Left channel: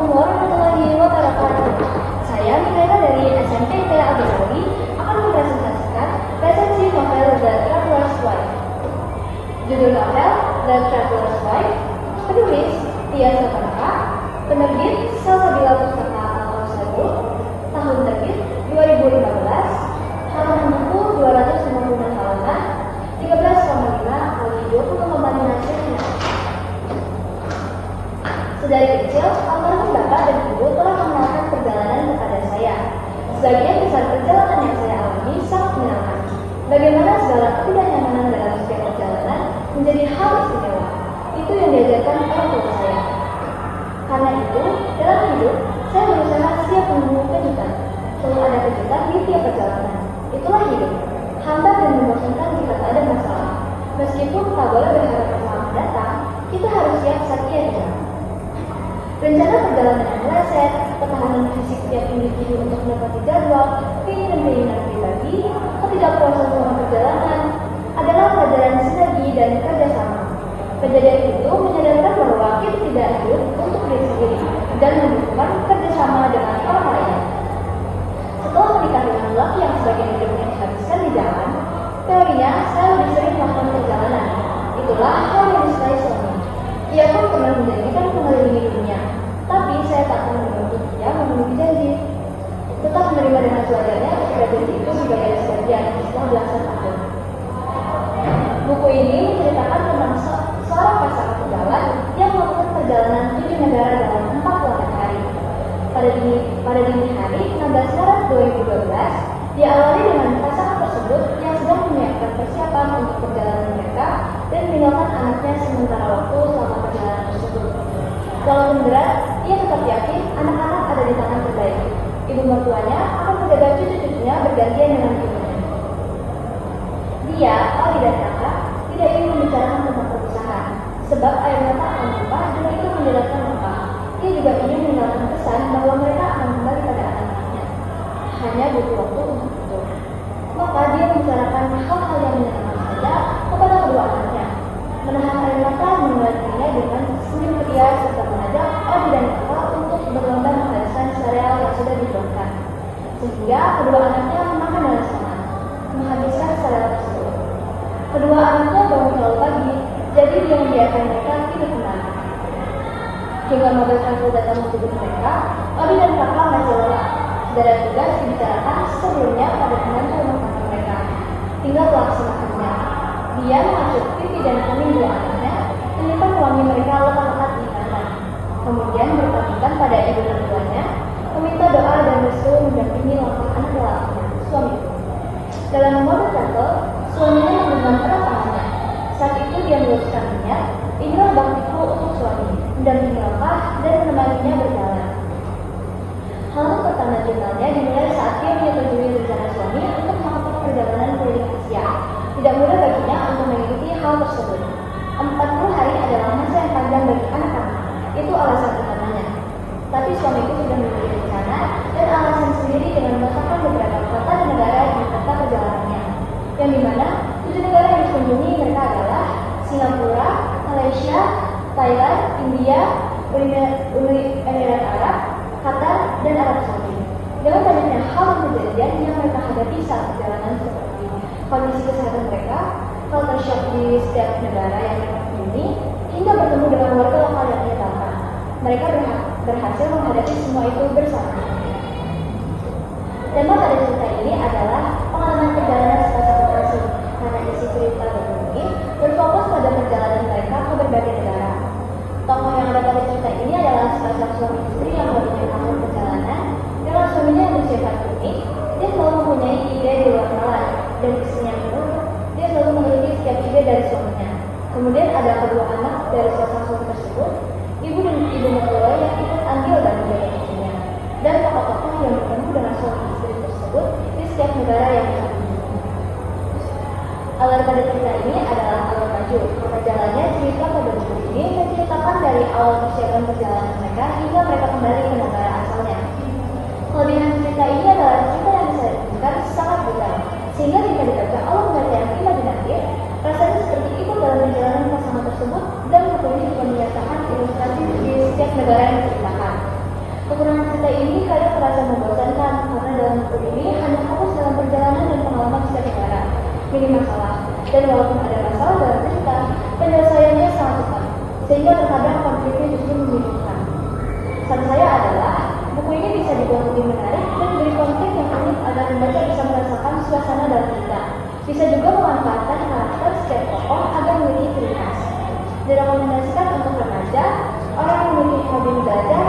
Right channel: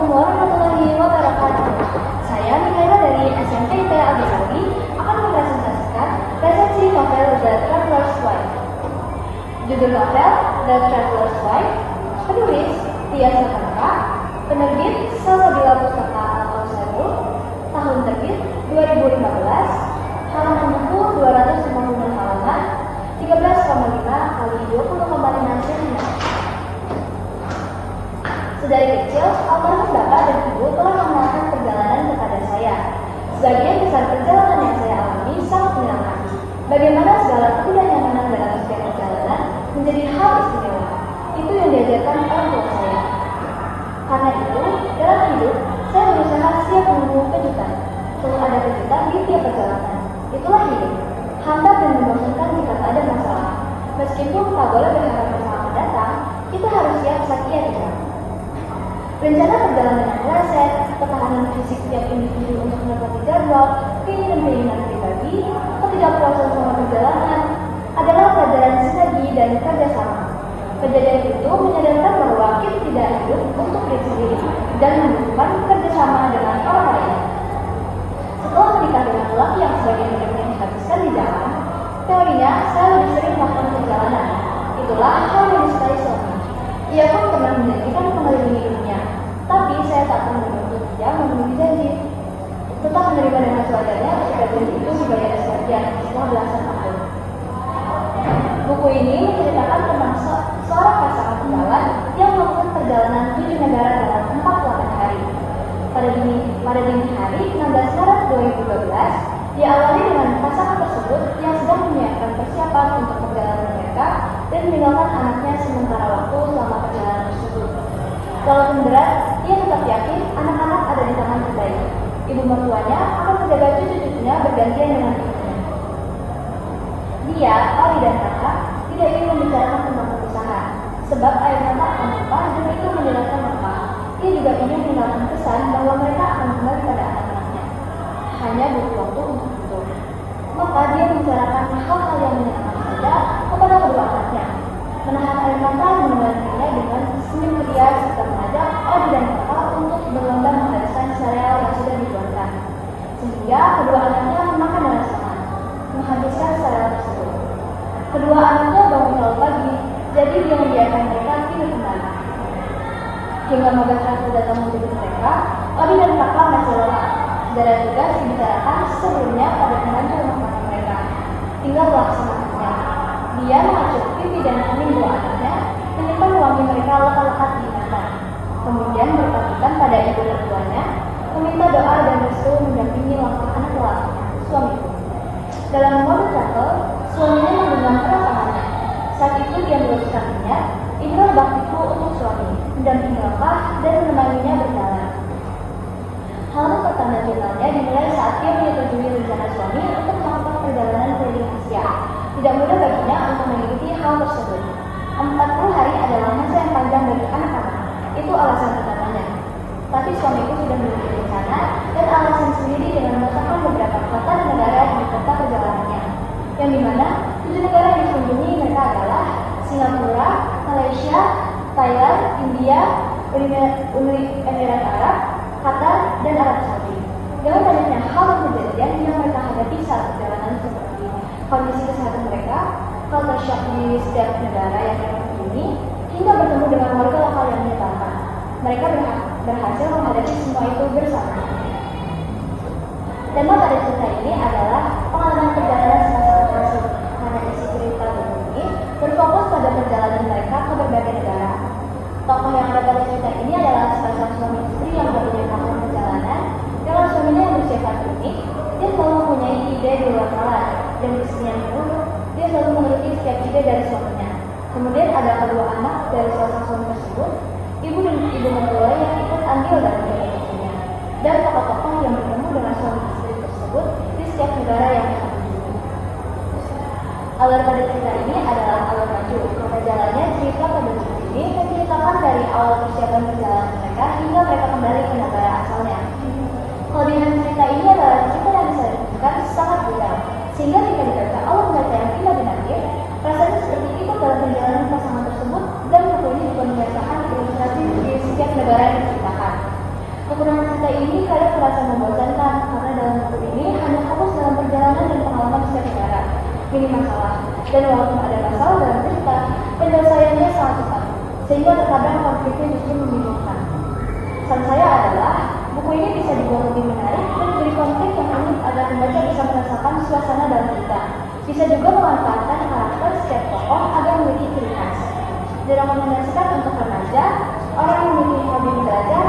mengeluarkan aturan di luar tarakan. Saya, Mikaela dari SMP IPA Abdi akan mempresentasikan resensi novel The Traveler's Wife. Judul novel The Traveler's Wife, penulis Tia Satanka, penerbit Salabila Pustaka Akal Sayu, tahun terbit 2015, halaman buku 256 halaman, 13,5 kali 20,5 cm. Sedari kecil, almarhum bapak dan ibu telah mengenalkan perjalanan kepada saya. Sebagian besar perjalanan yang saya alami sangat menyenangkan. Bagaimana segala ketidaknyamanan dalam setiap perjalanan menjadi hal istimewa. Itu yang diajarkan oleh tua saya. Karena itu, dalam hidup, saya berusaha siap menunggu kejutan. Selalu ada kejutan di tiap perjalanan. Itulah hidup. Hambar dan membosankan jika tak ada masalah. Meskipun tak boleh berharap yang akan datang, kita harus siap saat ia datang. Rencana perjalanan yang meleset, ketahanan fisik setiap individu untuk menepati jadwal, keinginan pribadi, ketidakpuasan selama perjalanan adalah pelajaran sinergi dan kerjasama. Kejadian itu menyadarkan bahwa kita tidak hidup untuk diri sendiri dan membutuhkan kerjasama dengan orang lain. Setelah menikah dengan lelaki yang sebagian hidupnya dihabiskan di jalan, teorinya saya lebih sering melakukan perjalanan. Itulah hal yang disukai suami. Ia pun pernah menjanjikan mengelilingi dunia, tapi saya tak pernah menuntut dia memenuhi janji. Tetap menerima dengan sewajarnya ketika janji itu sebagai sebagian setelah belasan tahun. Buku ini menceritakan tentang seorang pasangan pejalan yang melakukan perjalanan 7 negara dalam 40 hari. Pada dini hari 16 Maret 2012, diawali dengan pasangan tersebut yang sedang menyiapkan persiapan untuk perjalanan mereka dan meninggalkan anaknya sementara waktu selama perjalanan tersebut. Walaupun berat, ia tetap yakin anak-anak ada di tangan terbaik. Ibu mertuanya akan menjaga cucu-cucunya bergantian dengan ibunya. Dia, Ali dan kakak, tidak ingin membicarakan tentang perpisahan, sebab air mata akan tumpah dan itu menjelaskan mereka. Dia juga ingin meninggalkan pesan bahwa mereka akan kembali pada anak-anaknya. Hanya butuh waktu untuk itu. Maka dia membicarakan hal-hal yang menyenangkan saja kepada kedua anaknya. Menahan air mata menggantinya dengan senyum ceria serta mengajak Ali dan kakak untuk berlomba menghabiskan sereal yang sudah dibuatkan. Sehingga kedua anaknya memakan dengan senang, menghabiskan sereal tersebut. Kedua anaknya bangun selalu pagi, jadi dia membiarkan mereka kini tenang. Hingga mobil taksi datang menjemput mereka, Ali dan kakak masih lelah. Segala tugas dibicarakan sebelumnya pada penanti rumah tangga mereka. Tinggal melaksanakannya. Dia mengajak pipi dan kening dua anaknya, menyimpan wangi mereka lekat-lekat di ikatan. Kemudian berkaitan pada ibu mertuanya, meminta doa dan restu mendampingi langkah anak lelaki, suamiku. Dalam mobil travel, suaminya menggenggam erat tangannya. Saat itu dia meluruskan niat, inilah baktiku untuk suami, mendampingi langkah dan menemaninya berjalan. Hal pertama jurnalnya dimulai saat dia menyetujui rencana suami untuk melakukan perjalanan keliling Asia. Tidak mudah baginya untuk mengikuti hal tersebut. 40 hari adalah masa yang panjang bagi anak-anak. Itu alasan utamanya. Tapi suamiku sudah memiliki rencana dan alasan sendiri dengan menetapkan beberapa kota dan negara di kota perjalanannya. Yang dimana 7 negara yang dikunjungi mereka adalah Singapura, Malaysia, Thailand, India, Uni Emirat Arab, Qatar, dan Arab Saudi. Dengan banyaknya hal dan kejadian yang mereka hadapi saat perjalanan seperti kondisi kesehatan mereka, culture shock di setiap negara yang mereka kunjungi, hingga bertemu dengan warga lokal yang menyebalkan. Mereka berhasil menghadapi semua itu bersama. Tema pada cerita ini adalah pengalaman perjalanan semasa berhasil. Karena isi cerita buku ini berfokus pada perjalanan mereka ke berbagai negara. Tokoh yang ada pada cerita ini adalah sepasang suami istri yang berkomunikasi perjalanan. Dalam suaminya yang berusia ini, dia selalu mempunyai ide di luar nalar, dan istrinya itu, dia selalu memiliki setiap ide dari suaminya. Kemudian ada kedua anak dari sepasang suami tersebut, ibu dan ibu mertua yang ikut andil dalam ide istrinya, dan tokoh-tokoh yang bertemu dengan suami istri tersebut di setiap negara yang dikunjungi. Alur pada cerita ini adalah alur maju, karena jalannya cerita pada buku ini menceritakan dari awal persiapan perjalanan mereka hingga mereka kembali ke negara asalnya. Kelebihan cerita ini adalah cerita yang bisa diberikan sangat mudah, sehingga jika dibaca oleh mereka yang tidak binarik, rasanya seperti ikut dalam perjalanan pasangan tersebut dan buku ini juga menyertakan ilustrasi di setiap negara yang diceritakan. ini kadang terasa membosankan karena dalam buku ini hanya fokus dalam perjalanan dan pengalaman setiap negara. Jadi masalah, dan walaupun ada masalah dalam cerita, penyelesaiannya sangat cepat, sehingga terkadang konfliknya justru membingungkan. Pesan saya adalah, buku ini bisa dibuat lebih menarik dan menjadi konflik yang unik agar membaca bisa merasakan suasana dalam cerita. Bisa juga memanfaatkan karakter setiap tokoh agar memiliki ciri khas. Direkomendasikan untuk remaja, orang yang memiliki hobi membaca,